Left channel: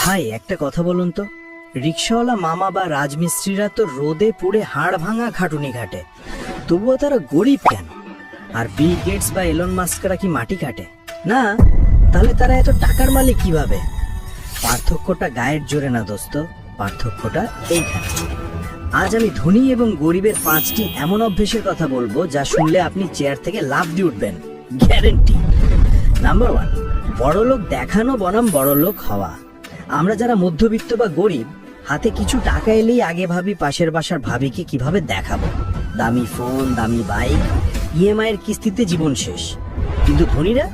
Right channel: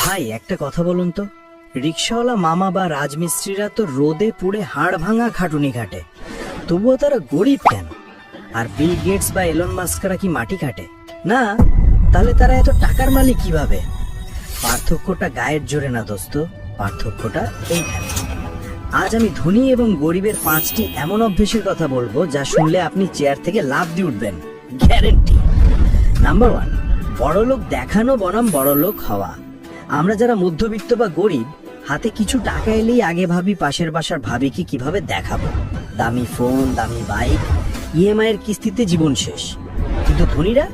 ভাই একটা কথা বলুন তো, রিক্সাওয়ালা মামা বা রাজমিস্ত্রিরা তো রোদে পুড়ে হাড় ভাঙা খাটুনি খাটে, তবুও তারা গরিব কেন? আর বিল গেটস বা এলন মাস্করা কি মাটি কাটে না? তাহলে তারা এত টাকার মালিক কিভাবে? পার্থক্যটা গায়ের জোরে না দোস্ত, পার্থক্যটা এইখানে। আজ আমি ধনী এবং গরিবের 5টি এমন অভ্যেসের কথা বলবো যা শুনলে আপনি চেয়ার থেকে লাফ দিয়ে উঠবেন, গ্যারেন্টি। নাম্বার 1, বড়লোক দেখানো বনাম বড়লোক হওয়া। আমরা যারা মধ্যবিত্ত বা গরিব, হাতে কিছু টাকা এলেই আগে ভাবি পাশের বাসার ভাবিকে কিভাবে দেখাবো। দামি ফোন, দামি বাইক, ইএমআই এর কিস্তিতে জীবন শেষ। কিন্তু ধনীরা,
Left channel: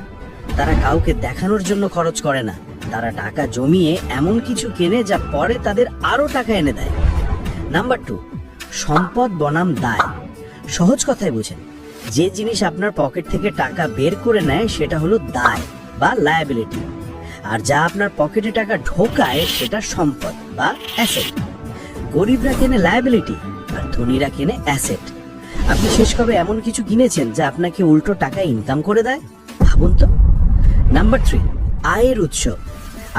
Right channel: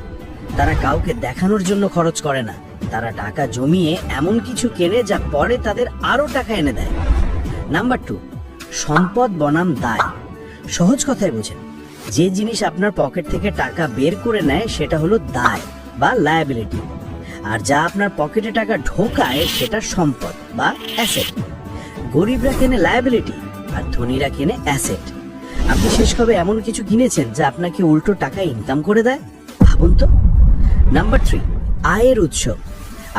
তারা কাউকে দেখানোর জন্য খরচ করে না, তারা টাকা জমিয়ে এমন কিছু কেনে যা পরে তাদের আরো টাকা এনে দেয়। নাম্বার 2, সম্পদ বনাম দায়। সহজ কথায় বুঝেন, যে জিনিস আপনার পকেট থেকে টাকা বের করে নেয় সেটা হলো দায় বা লায়াবিলিটি, আর যা আপনার পকেটে টাকা ঢোকায় সেটা সম্পদ বা অ্যাসেট। গরিবরা কেনে লায়াবিলিটি আর ধনীরা কেনে অ্যাসেট। আপনি শেষ কবে এমন কিছু কিনেছেন যা আপনাকে উল্টো টাকা ইনকাম করে দেয়? ভাবুন তো। নাম্বার 3, আয়ের উৎস।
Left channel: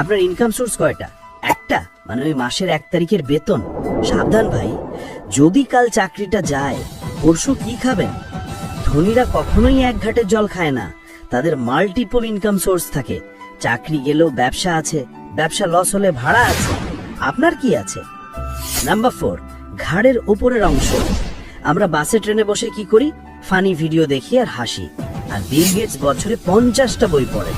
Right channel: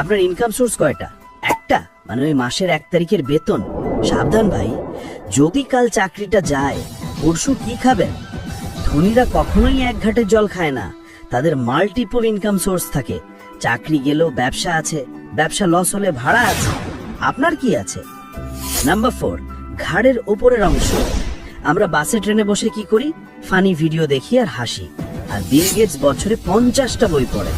আপনার ইনকাম সোর্স কয়টা? একটা, মানে ওই মাসের 1 তারিখের বেতন? সাবধান ভাই, যদি কাল চাকরিটা যায়, পরশু কি খাবেন? ধনীরা কখনোই এক ঘাটের জল খায় না, তাদের মাল্টিপল ইনকাম সোর্স থাকে। চাকরি গেলেও ব্যবসা আছে, ব্যবসা লস হলে ভাড়া আছে। আপনার কি আছে? নাম্বার 4, ঘাড়ের উপরের অংশ। আমরা বাসে ট্রেনে বসে কি করি? ফানি ভিডিও দেখি আর হাসি। আর বিল গেটস বছরে 50টা বই পড়েন,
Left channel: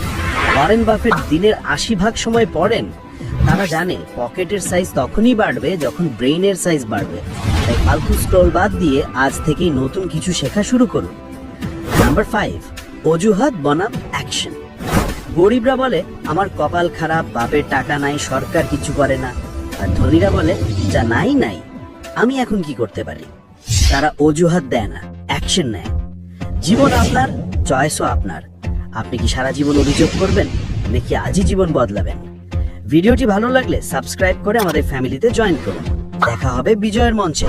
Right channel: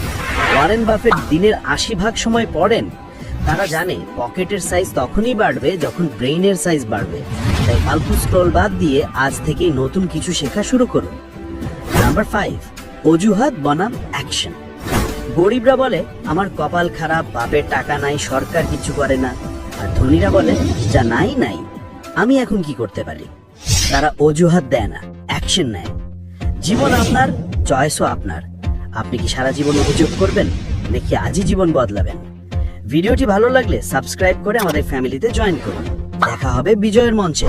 ওয়ারেন বাফেট দিনের 80 ভাগ সময় পড়েন। তারা জানে পকেটের সাইজ তখনই বাড়বে যখন ব্রেইনের সাইজ বাড়বে। তাই ফালতু স্ক্রোল বাদ দিয়ে আজ থেকেই নতুন কিছু শেখা শুরু করুন। নাম্বার 5, অজুহাত বনাম অ্যাকশন। গরিবরা বলে আমার কপাল খারাপ, বাপের টাকা নাই, সরকার কিছু করে না। আর ধনীরা বলে যা নাই নাই, আমি এখন কি করতে পারি? তারা অজুহাত দেয় না, অ্যাকশন নেয়। জীবন আপনার, চয়েসও আপনার। আপনি কি সারা জীবন অভিযোগ করবেন নাকি আজই জীবন বদলাবেন? ভিডিওটি ভালো লাগলে সাবস্ক্রাইব করে আমাদের ফ্যামিলিতে জয়েন করুন। দেখা হবে বিজয়ের মঞ্চে।